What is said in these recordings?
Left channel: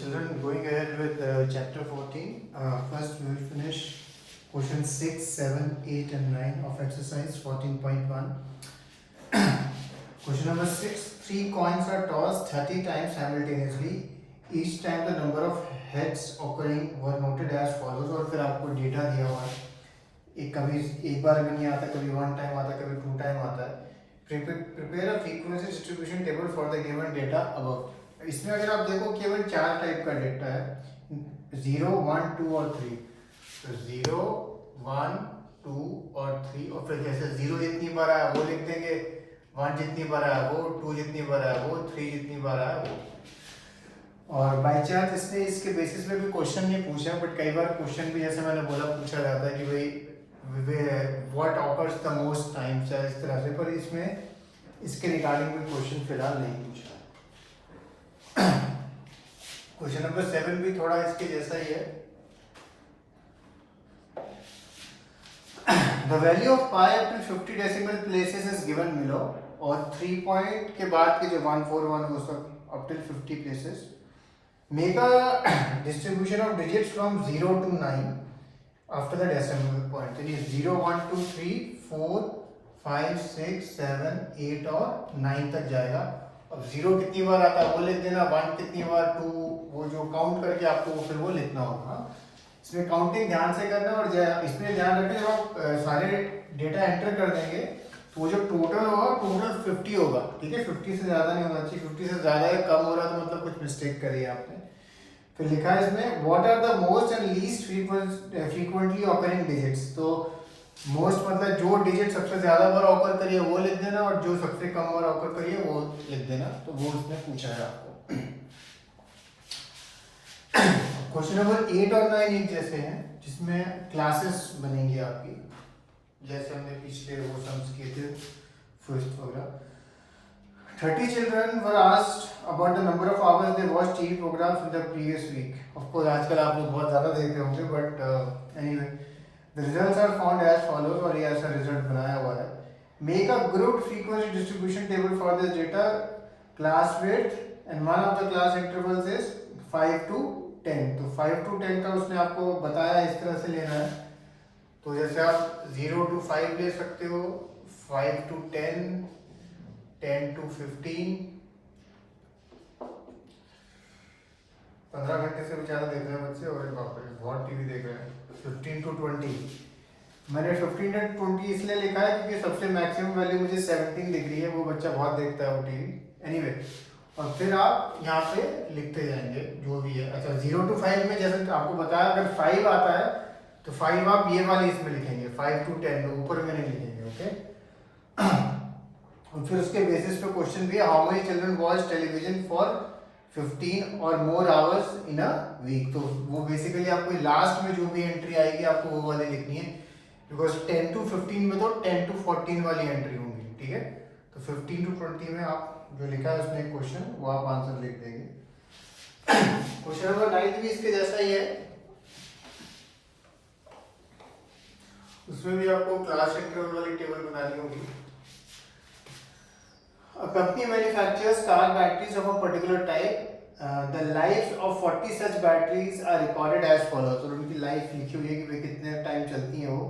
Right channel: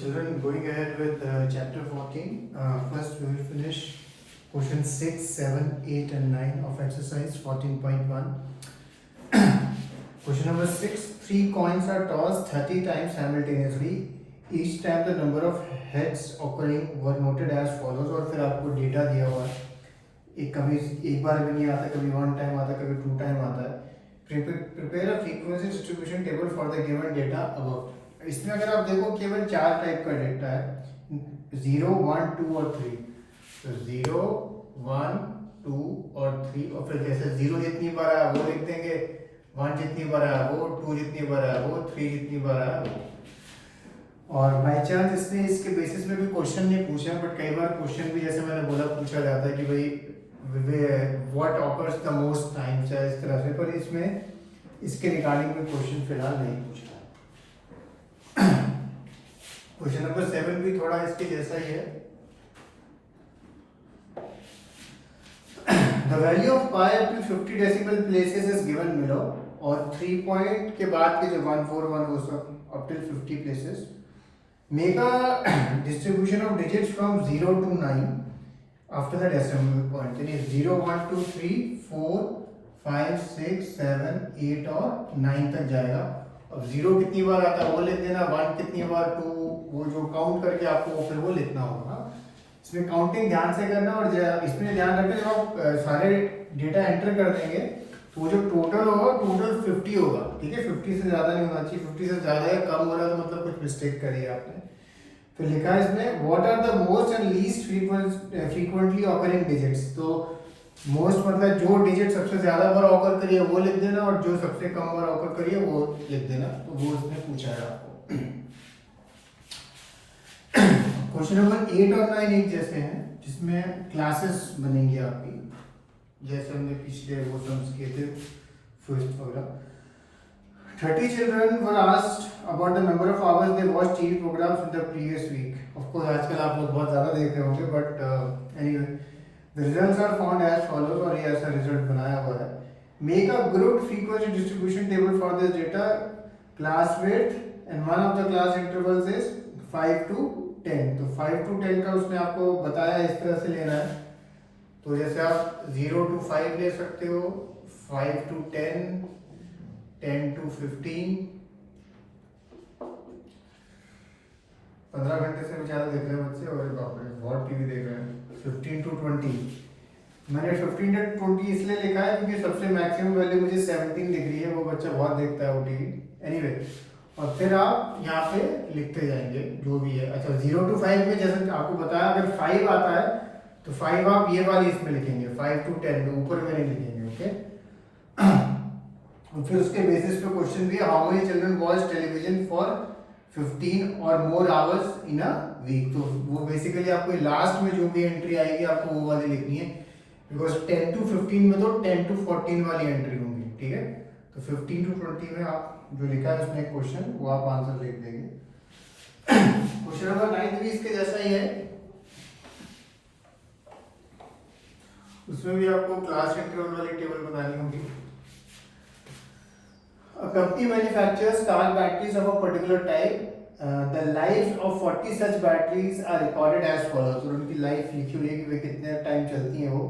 children, going ahead with chapter 14. First, we will finish question 6, 7, 8, and 9 of exercise 14.1. Question number 6. 3 coins are tossed 30 times simultaneously. Each time the number of heads occurring were noted as follows. और फिर आपको data दिया हुआ है. कभी एक बार भी नहीं आता, कभी वन टाइम आता है, कभी टू टाइम आता है. Prepare a frequency distribution table for the given data above. इसमें अगर आप देखो केवल 4 टाइप का डेटा है, 0, 1, 2 और 3. तो 0, 1, 2 और 3, और फिर जैसे 0 जितनी बार आया वो लिख देंगे, 1 जितनी बार आया वो, 2 जितनी बार आया वो, 3 जितनी बार आया वो. और बाई चांस इसने इसके बेसिस में भी क्वेश्चन नहीं पूछा, बट कई बार क्वेश्चन भी जैसे मैंने बोला पूछा जाता है कि भाई what occurs the most times है, इस तरह से. पर इसमें इसके रिगार्डिंग कोई क्वेश्चन फिलहाल नहीं पूछा. क्वेश्चन नंबर 7 भी थोड़ा इसके जैसा ही है. The value of pi up to 50 decimal places is given below. और 3 पॉइंट के बाद के जो 141 वो सब up till 50 places. Make a distribution of digits from 0 to 9 after the decimal point. यानी 0, 1, 2, 3, 4, 5, 6, 7, 8 और 9 तक जाएगा. अब 0 कितनी बार आता है वो लिख देना, 1 कितनी बार, 2, वो जो काउंट करके आपको वो फिर वो लिखना होगा. इसमें काउंटिंग ध्यान से करना. और इसमें ध्यान रखें जब आप सारे डेटा एंटर कर देंगे तो वो जो टोटल होगा टोटल 50 होगा. ठीक है, 50 से ज़्यादा नहीं होना चाहिए. 50 से ज़्यादा या कम हो रहा है तो मतलब कुछ मिस्टेक करी है आपने. फिर लिखा है इसमें what are the most and least frequently occurring digits. तो मोस्ट मतलब जो डिजिट सबसे ज्यादा बार ऑकर करी है वो लिख देना, और जो सबसे कम बार ऑकर करी है वो लिख देना. तो वो उसने पूछा है आपको. क्वेश्चन नंबर 8 और 9 एक जैसे हैं, जिसमें क्लासेस बनेंगी आपकी, जैसे हमने पिछले वो सम्स किए थे फर्स्ट वगैरह. 30 children were asked about the number of hours they watched TV programs in the previous week. Of course आजकल आप लोग बहुत ज़्यादा देख रहे होंगे, but anyway the results are found as follows. और ये ऐसा रिजल्ट बनाया हुआ है. Make a group frequency distribution table for this data. Class width and one of the class intervals is 5 to 10. तो 5 to 10 का उसने आपको बताया इस तरह से लेना है. तो जैसे आप 0 to 5 ले सकते हो, 5 to 10, 10 to 15. 15 घंटे से भी ज़्यादा देख रहे हैं बच्चे, और बाप रे बहुत टीवी देख रहे हैं. 15 to 20. मैंने 15 to 20 इसलिए लिखा है क्योंकि सबसे मैक्सिमम वैल्यू मुझे 17 दिख रही है. वो बच्चा बहुत देखता है वो टीवी. एनीवे, और फिर आप यहाँ पे लिखते जाएंगे जो भी है. अच्छा, 0 to 5 में जैसे आपको बताया, अगर 5 आता है तो 5 आप ये वाली इसमें लिखेंगे, 5 to 10 ऊपर में नहीं लिखेंगे. ओके. और फिर उसके बेसिस पे क्वेश्चन भी है, how many children watch television for 15 और मोर आवर्स इन अ वीक. तो वो बेसिकली आपको लास्ट में जो भी एंट्री आएगी आपको वो वाली लिखनी है, बिकॉज 10 to 15 में तो 10 to 14 वाली एंट्री होंगी. ठीक है, तो 15 to 20 में आप जो लिखा है उसमें क्वेश्चन वो आप आंसर लिख देंगे. क्वेश्चन नंबर 9 भी इसके जैसा ही है. उसमें भी आपको क्लास इंटरवल वाली टेबल बनानी होगी. A company manufactures car batteries of a particular type. The lives of 40 such batteries are recorded as follows. तो उनकी लाइफ लिखी हुई है कि वे कितने टाइम चलती हैं वो.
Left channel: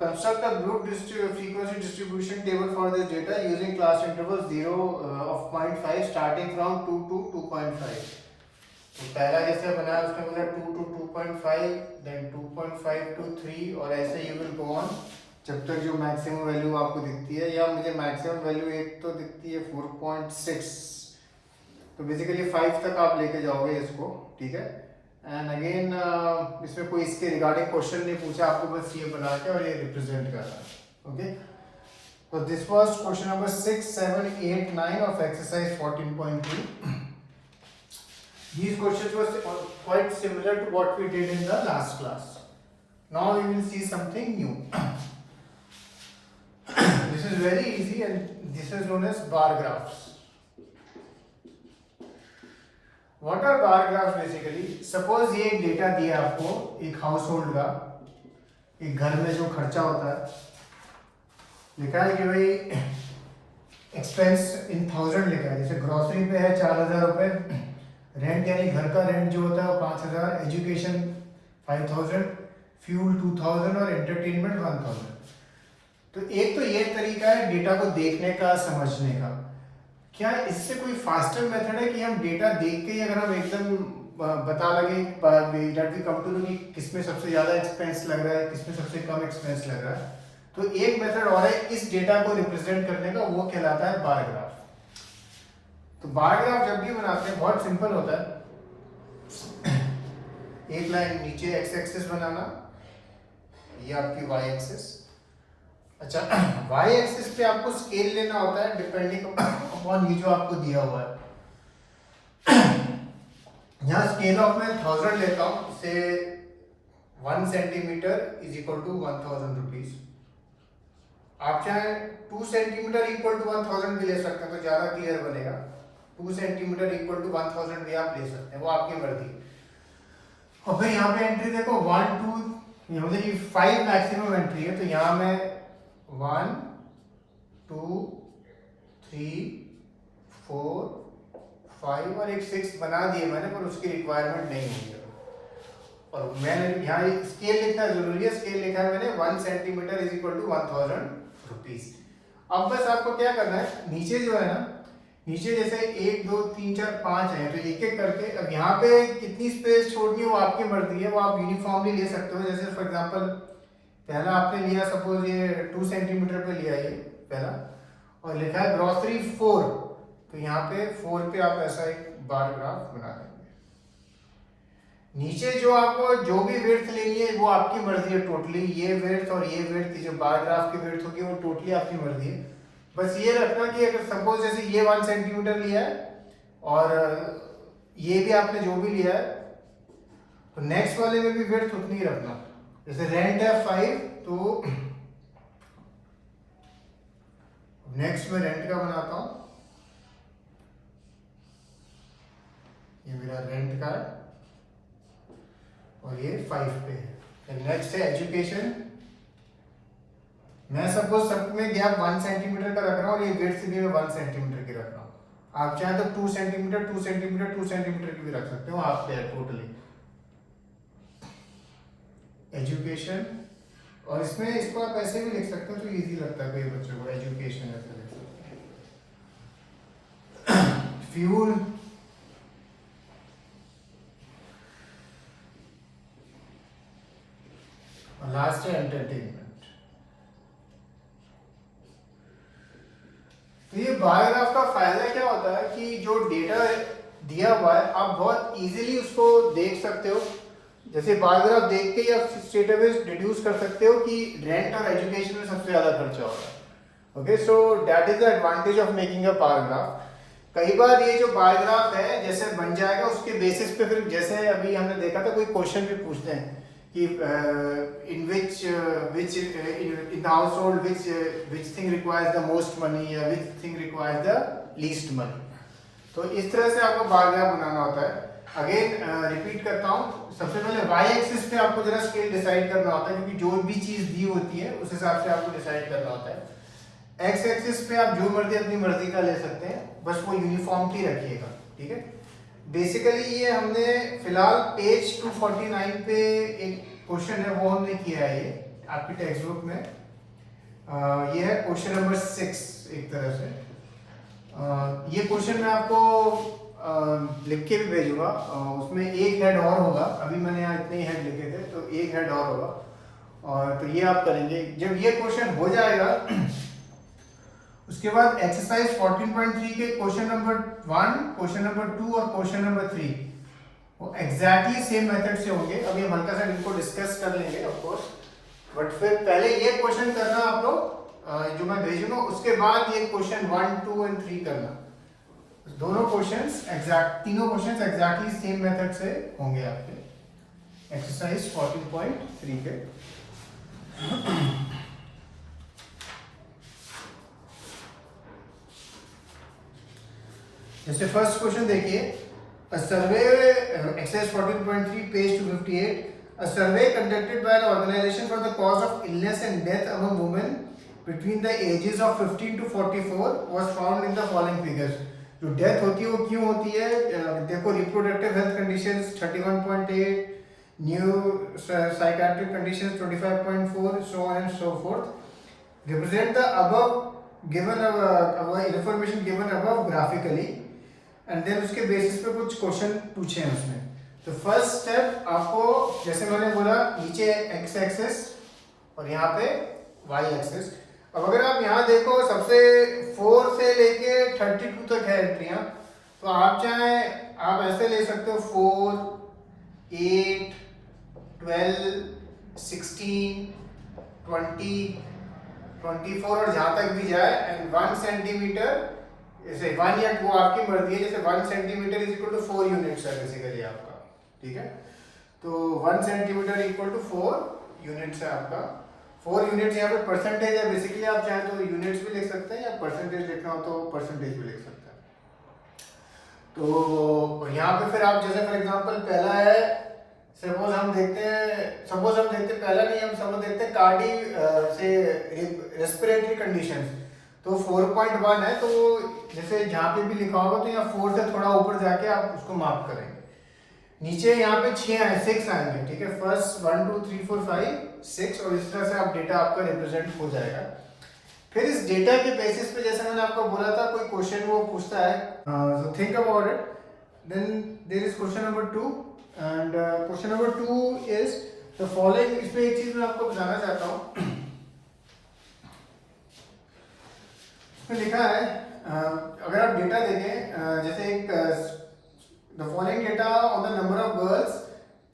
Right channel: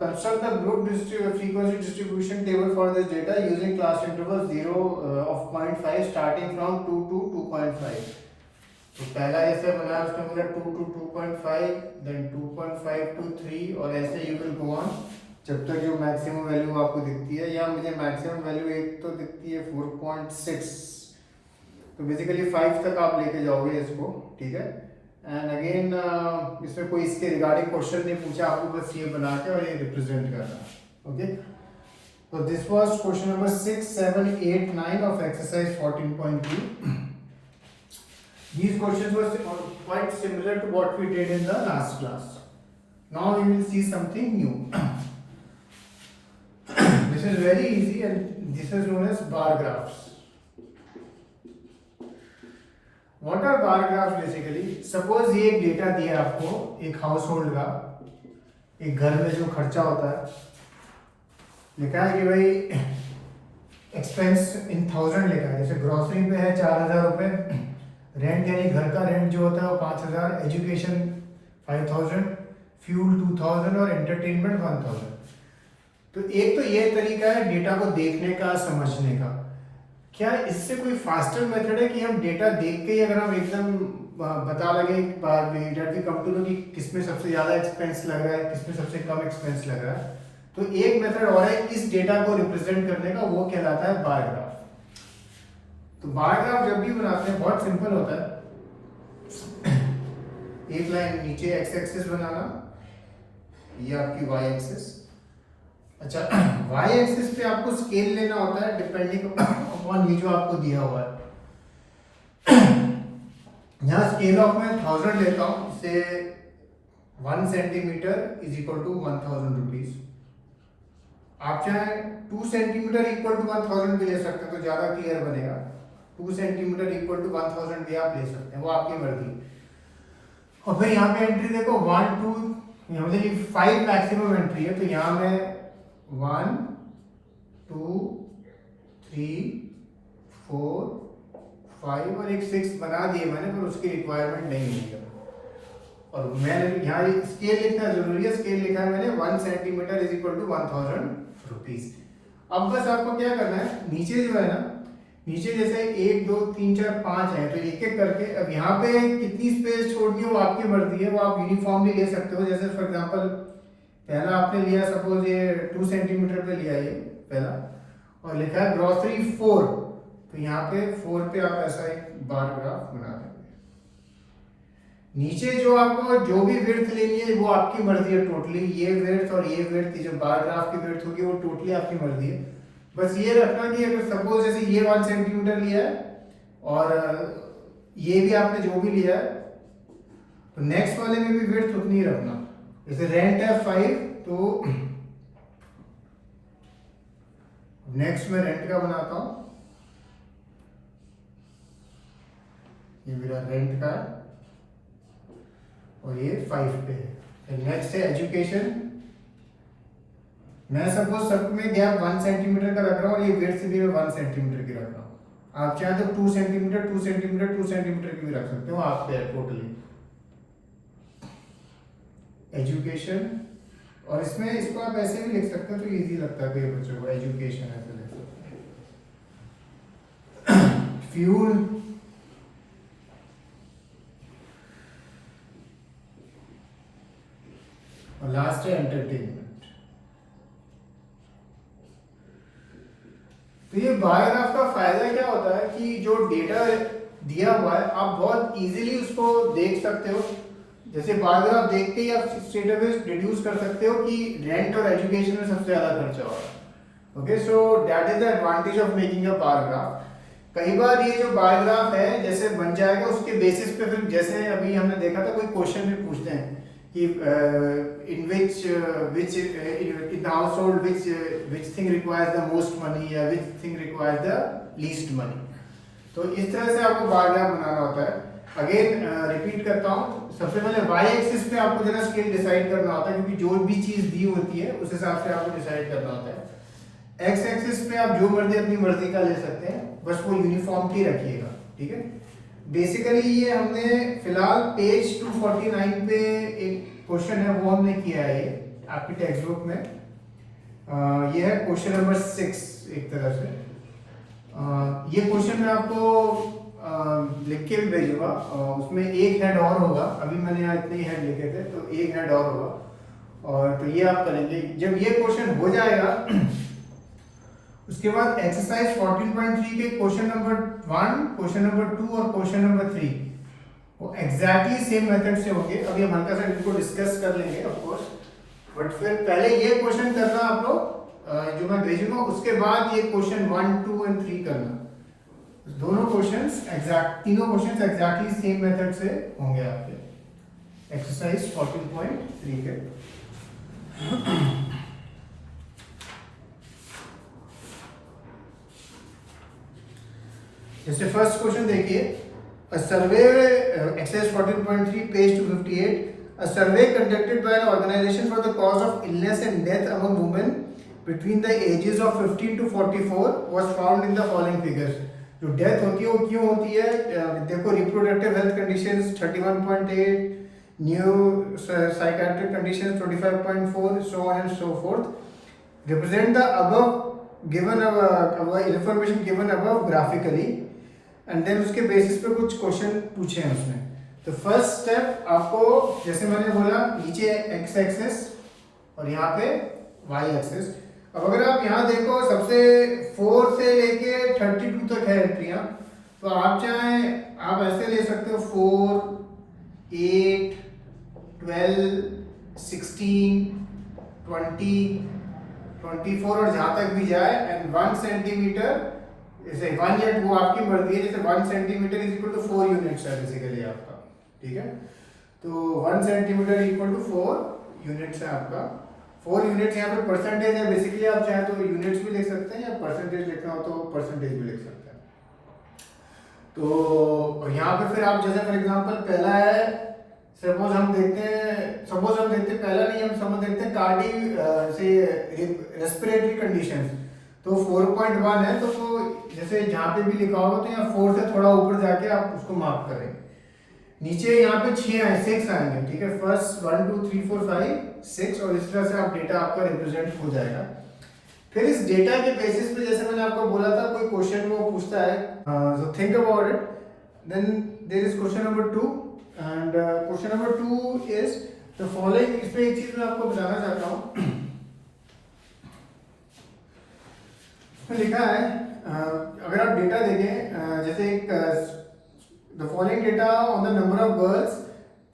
Construct a group frequency distribution table for this data using class interval 0 of 0.5 starting from 2 to 2.5. तो पहला जैसे बनाया उसमें बोला 2 to 2.5, then 2.5 to 3, और ऐसे you will go on जब तक जो मैक्सिमम वैल्यू आपको दिखती है. या मुझे मैक्सिमम वैल्यू एक तो दिखती है 4.6, तो बेसिकली 5 तक आप लेके जाओगे इसको. ठीक है. एंड अगेन इसमें कोई इसके रिगार्डिंग क्वेश्चन नहीं पूछा, आपको बस ये बना के और ये रिप्रेजेंट करना. ओके. तो this was question number 6, 7, 8, 9 of exercise 14.2. These questions were quite similar to what we did in the last class. Now you will see something new. This is very easy and this is known as bar graphs. What are bar graphs basically? Suppose ये एक data दिया आपको एक house hold का, एक घर में जो खर्चा होता है. लिखा है कि भाई एक्सपेंस इन 1000 लिखा है. जैसे ग्रोसरी पे है 4000 रुपए, रेंट यानी घर का रेंट जो होता है वो 5,000, एजुकेशन 5,000, फ्यूल 2,000 और एंटरटेनमेंट 1,000। तो एक तो ये तरीका है डेटा को देखने का, समझने का। क्या इससे कोई फास्टर मेथड है कि हम डेटा देख के ही अगर हम एकदम बता लगे that we come to know कि किसमें सबसे ज़्यादा एक्सपेंस लग रहा है, किसमें सबसे कम एक्सपेंस लग रहा है? तो एक मेथड और है इस डेटा को रिप्रेजेंट करने का, वो कहलाता है बार ग्राफ। तो बार ग्राफ जब भी बनाते हैं बहुत सिंपल होता है। एक लाइन नीचे एक्स एक्सिस बनाना, ये आपकी वाई एक्सिस। अच्छा, वाई एक्सिस पे आपको स्केल लेना होता है डिपेंडिंग अपॉन ये जो आपको दिया हुआ है। यहाँ स्केल ऑफ मैं 1000 लेता हूँ, से 1 centimetre is equal to 1000 rupees. आप चाहे 2 सेंटीमीटर इक्वल टू 1000 भी ले सकते हैं तो ज्यादा क्लियर बनेगा। 2 सेंटीमीटर इक्वल टू 1000 भी आप ले सकते हैं, वो आपकी मर्जी। और फिर यहाँ पे एंट्री देखो 1 2, मतलब 5 मैक्सिमम एंट्री है, तो यहाँ में 1 2 3 4 5 और एक 6 बना दिए मैंने, पर उसकी रिक्वायरमेंट नहीं हुई है। और मैंने यहाँ स्केल लिखना जरूरी है, स्केल लिखा है मैंने 1 centimetre is equal to 1000 rupees. अब बस आपको क्या करना है, नीचे जो है ना, नीचे जैसे 1 2 3 4 5 है, तो एक एक करके अब यहाँ पे कितनी स्पेस छोड़नी है वो आपकी मर्जी है, वो आप यूनिफॉर्मली ले सकते हो। जैसे फॉर एग्जांपल पहला आपने लिया, सपोज ये 2 सेंटीमीटर पे लिया ये पहला, और लिखा है ग्रोसरी 4, तो यहाँ पे 4 पे आप ऐसा एक बार ग्राफ बना देंगे। नीचे जो आपको जो भी विड्थ लेनी है वो आपकी मर्जी है टोटली, ये विड्थ और ये विड्थ की जो बार ग्राफ की विड्थ होगी वो टोटली आपकी मर्जी है। बस ये रखना कि अगर सपोज जैसे ये 1 सेंटीमीटर लिया है और ये भी आपने जो भी लिया है, तो नेक्स्ट वाले में भी विड्थ उतनी ही रखना। जैसे रेंट है 5, तो नेक्स्ट में रेंट का बनाता हूं, ये मेरा रेंट का है और ये 5 पे है। नेक्स्ट है एजुकेशन, मैं सपोज सब में गैप 1 सेंटीमीटर का रख रहा हूँ और ये विड्थ भी मैं 1 सेंटीमीटर की रख रहा हूँ। आप चाहे तो 2 सेंटीमीटर 2 सेंटीमीटर 2 सेंटीमीटर की भी रख सकते हो, आप पे है टोटली एजुकेशन। और इसमें इसको आप ऐसे भी लिख सकते हो तो इजी लगता है कोई बच्चों को, एजुकेशन ऐसे लिख सकते हैं। फ्यूल, और लास्ट है एंटरटेनमेंट। तो ये बार ग्राफ का फायदा क्या होता है कि जो डेटा दिया हुआ है आप बहुत इजीली उसको देख सकते हो। जैसे बार ग्राफ देख के आप स्ट्रेट अवे डिड्यूस कर सकते हो कि रेंट और एजुकेशन में सबसे ज्यादा खर्चा हो रहा है। Okay, so that is the advantage of making a bar graph. कई बार ये जो बार ग्राफ है जैसे बन जाएगा उसके बेसिस पे फिर जैसे अभी हमने देखा था कोई क्वेश्चन भी पूछते हैं कि in the household which thing requires the most money या which thing requires the least money। तो इस तरह से आपको बार ग्राफ बनाना होता है। अगेन रिपीट करता हूँ, सबसे पहले वाई एक्सिस पे आपको जरा स्केल डिसाइड करना होता है, क्योंकि जो भी चीज दी होती है उस हिसाब से आपको डिसाइड करना होता है। एक्स एक्सिस पे आप जो मर्जी अपनी मर्जी का ले सकते हैं, बस वो यूनिफॉर्मली रखिएगा, ठीक है। बेसिकली ये हमने फिलहाल पेज 249 पे एक क्वेश्चन है वो हमने किया है, ये आपकी टेक्स्ट बुक में ये है क्वेश्चन नंबर 6 एक तरह से। ये क्वेश्चन मैं आपको लिख के भी भेजूंगा, उसमें एक हेड और होगा, अभी मैंने यहाँ इतने हेड लिखे थे तो एक हेड और होगा, और तो ये आप करेंगे। जब ये क्वेश्चन हो जाएगा उसके बाद एक्सरसाइज 14.3 के क्वेश्चन नंबर 1, क्वेश्चन नंबर 2 और क्वेश्चन नंबर 3 वो एग्जैक्टली सेम मेथड से होंगे। अभी हम हल्का सा इनको डिस्कस कर लेंगे ऑफ कोर्स, बट फिर पहले ये क्वेश्चन करना आप लोग जो मैं भेजूंगा, उसके बाद ये क्वेश्चन 1, 2 और 3 करना। दोनों क्वेश्चंस एग्जैक्ट, तीनों क्वेश्चंस एग्जैक्टली सेम मेथड से होंगे आपके एक्सरसाइज 14.3 के। जैसे फर्स्ट क्वेश्चन देखिए, अ सर्वे exercise 14.3 page 258, a survey conducted by an organization for the cause of illness and death among women between the ages of 15 to 44 was found in the following figures। जो death होती है वो क्यों होती है? देखो, reproductive health conditions 31.8, new psychiatric conditions 25.4, so on and so forth. Represent the above given information given above graphically, and then उसके basis पे कुछ क्वेश्चन पूछे हैं उसमें। तो फर्स्ट स्टेप आपको, जैसे मैंने बोला, नीचे एक्स एक्सिस और यहाँ पे वाई एक्सिस। अब अगर आप यहाँ देखो, सबसे 4 से लेके 32 तक है एंट्रियाँ, तो आप चाहे आप ऐसे ले सकते हो 4, 8, 12, 16, 20, 24 और जहाँ तक भी जाए, एंड 1 सेंटीमीटर, जैसे 1 या 2 आपकी मर्जी है, जैसे 1 centimetre is equal to 4 units है बेसिकली आपका, ठीक है। तो 1 सेंटीमीटर इक्वल टू 4 यूनिट्स है आपका। 4 यूनिट्स यहाँ पे परसेंटेज है, बेसिकली आप चाहे तो यूनिट्स भी लिख सकते हैं या परसेंटेज लिखना हो तो परसेंटेज भी लिख सकते हैं। तो यहाँ पे फिर आप जैसे फॉर एग्जांपल पहला है, सपोज हम देखते हैं पहला नहीं, हम सपोज देखते हैं कार्डिक से रेस्पिरेटरी कंडीशंस, तो 4.1 है, तो जैसे जहाँ पे भी लिखा होगा तो यहाँ 4 से थोड़ा ऊपर जाके आप उसको मार्क करेंगे। नीचे यहाँ पे 6 आए, 6 आएंगे, ठीक है। फर्स्ट 1 2 3 4 5 6, और इस तरह से आप डेटा आपका रिप्रेजेंट हो जाएगा। फिर इस डेटा के बेसिस पे, जैसे मैंने आपको बोला था, कोई क्वेश्चन वो पूछता है, so think about it. Then there is question number 2, and question number 2 is the following. इस पे एक चीज मैं आपको बताना चाहता हूँ। इसमें लिखा है, अगर आप डेटा देखें, जैसे एक the following data on the number of girls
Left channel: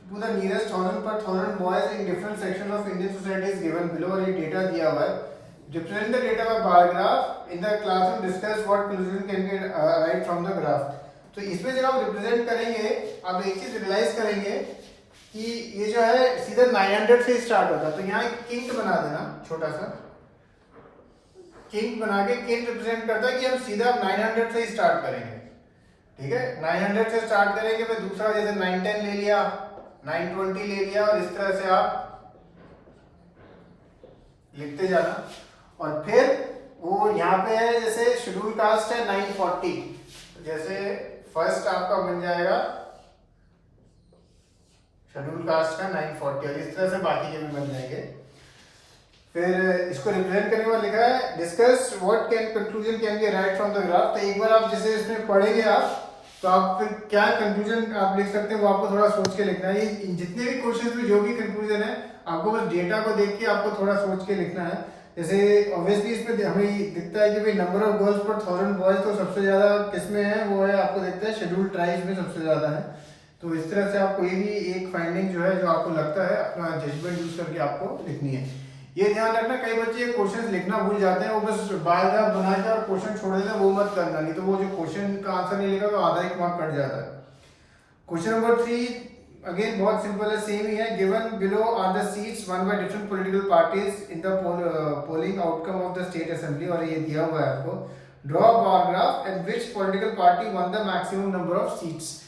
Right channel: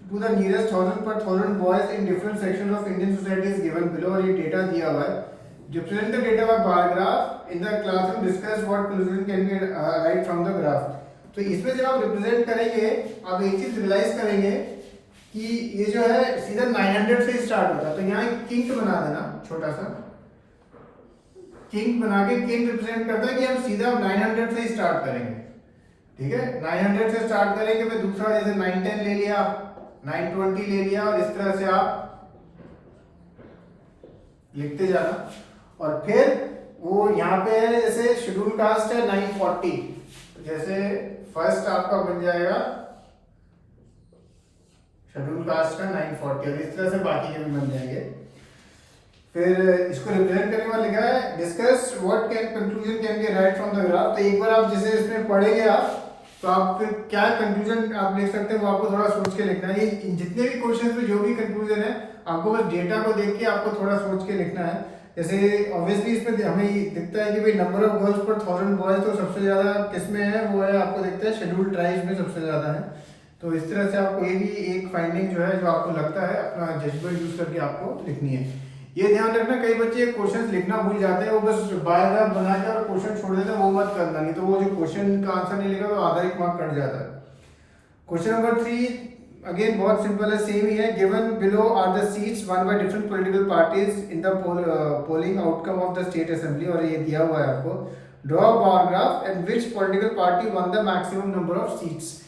to the nearest 1000 per 1000 boys in different sections of Indian society is given below। ये डेटा दिया हुआ है। Represent the data by bar graph in the classroom, discuss what conclusion can be right from the graph। तो इसमें जब आप represent करेंगे, आप एक चीज रियलाइज करेंगे कि ये जो है सीधा 900 से स्टार्ट होता है। तो यहाँ एक किंग बना देना, छोटा सा किंग बना के, किंग रिप्रेजेंट करता है कि हम सीधा 900 से स्टार्ट करेंगे, ठीक है। 900 से स्टार्ट करेंगे, फिर दूसरा जैसे 910 ले लिया, 920 ले लिया, और इस तरह से आप लिखते जाना। और फिर वो यहाँ पे है, जैसे शेड्यूल कास्ट है 940, जैसे फर्स्ट आपका बन जाएगा शेड्यूल कास्ट का 940, और इस तरह से बाकी के भी बन जाएंगे। फिर इसको रिप्रेजेंट करने वाला लिखा है, discuss what can conclusion can be right from the graph. तो एक बार आप जैसे इसमें पढ़ेंगे आप, तो आप फिर क्या कंक्लूजन आप लिख सकते हैं, वो आपको थोड़ा सोच के लिखना है। ये जितने भी क्वेश्चंस में जो भी कंक्लूजन है, आपको बस डेटा को देख के आपको थोड़ा सोच के लिखना है। जैसे ऑब्वियसली इसमें हमें दिखता है कि भाई नंबर ऑफ गर्ल्स पर 1000 बॉयज तो सबसे ज़्यादा किसमें है, वो है आपको दिखता है शेड्यूल्ड ट्राइब्स में सबसे ज़्यादा है। तो इस तरह से आप कोई भी एक फाइंडिंग जो है, जो आपको लगता है, अपना जजमेंट यूज करके आपको लिखनी है। ये ध्यान रखना, कई बच्चे क्वेश्चन लिखना भूल जाते हैं, वो बस बायोग्राफ बना के और क्वेश्चन छोड़ देते हैं, वो मत करना, नहीं तो वो जो क्वेश्चन का आंसर नहीं लिखा तो आधा ही मार्क कट जाता है। क्वेश्चन नंबर 3 अगेन बहुत सिंपल है, सेम ही है। Given below are the seats won by different political parties in the polling outcome of the state assembly, और ये दिया हुआ है आपको। Draw bar graph and which political party won the maximum number of seats.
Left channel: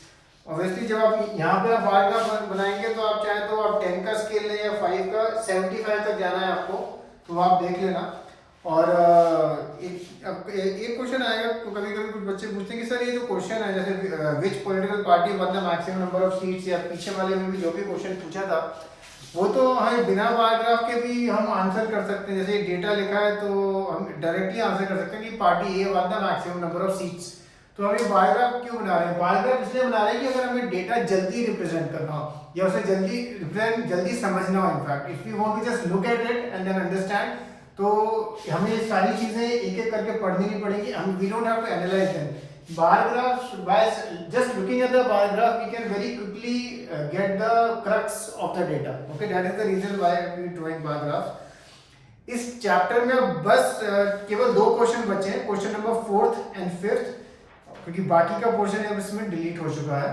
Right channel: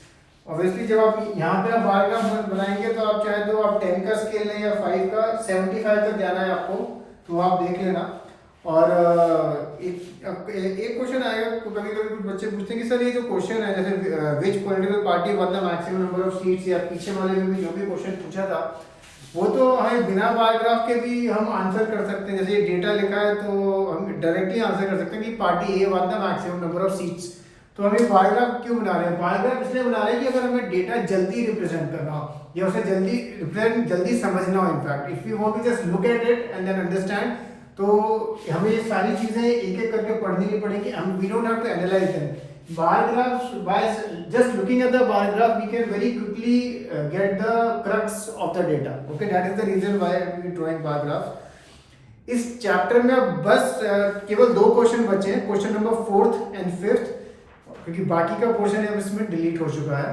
Obviously जब आप यहाँ पे आप बार ग्राफ बनाएंगे, तो आप चाहे तो आप 10 का स्केल लें या 5 का, 75 तक जाना है आपको, तो आप देख लेना। और एक क्वेश्चन आएगा, तो कभी कभी कुछ बच्चे पूछते हैं कि सर ये जो क्वेश्चन है, जैसे विच political party won the maximum number of seats, या पीछे वाले में भी जो भी क्वेश्चन पूछा था, वो तो हमें बिना बायोग्राफ के भी हम आंसर कर सकते हैं। जैसे डेटा लिखा है तो हम डायरेक्टली आंसर कर सकते हैं कि party A one the maximum number of seats. तो हम ये बायोग्राफ क्यों बना रहे हैं? बायोग्राफ इसलिए बना रहे हैं कि अगर हमें डेटा जल्दी रिप्रेजेंट करना हो, या उसे जल्दी समझना हो, in fact if we want to just look at it and then understand, तो हमें ये सारी चीजें एक एक करके पढ़नी नहीं पड़ेगी। हम we don't have to analyse them. Bar graph, by just looking at the bar graph we can very quickly get the crux of the data. Okay, that is the reason why we drawing bar graph. इस chapter में अब बस केवल 2 question बचे हैं, question number 4th and 5th, क्योंकि बाकी का पोर्शन अब इसमें डिलीट हो चुका है।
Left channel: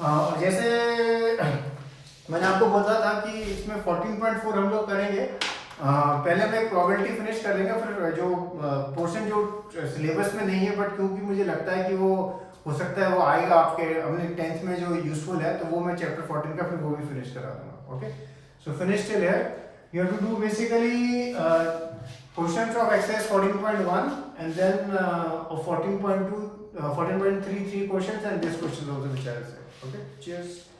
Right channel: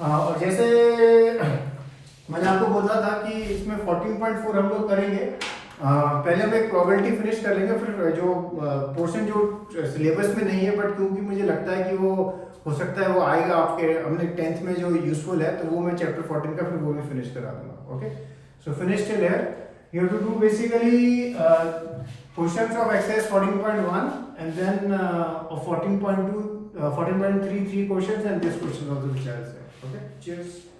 और जैसे मैंने आपको बोला था कि इसमें 14.4 हम लोग करेंगे। पहले हम एक प्रोबेबिलिटी फिनिश कर लेंगे, फिर जो पोर्शन जो सिलेबस में नहीं है, बट क्योंकि मुझे लगता है कि वो हो सकता है वो आएगा आपके, हमने 10th में जो यूजफुल है, तो वो मैं चैप्टर 14 का फिर वो भी फिनिश करा दूंगा। Okay, so finish till here. You have to do basically questions of exercise 14.1 and then of 14.2 14.33 questions and this question also which I said. Okay, cheers.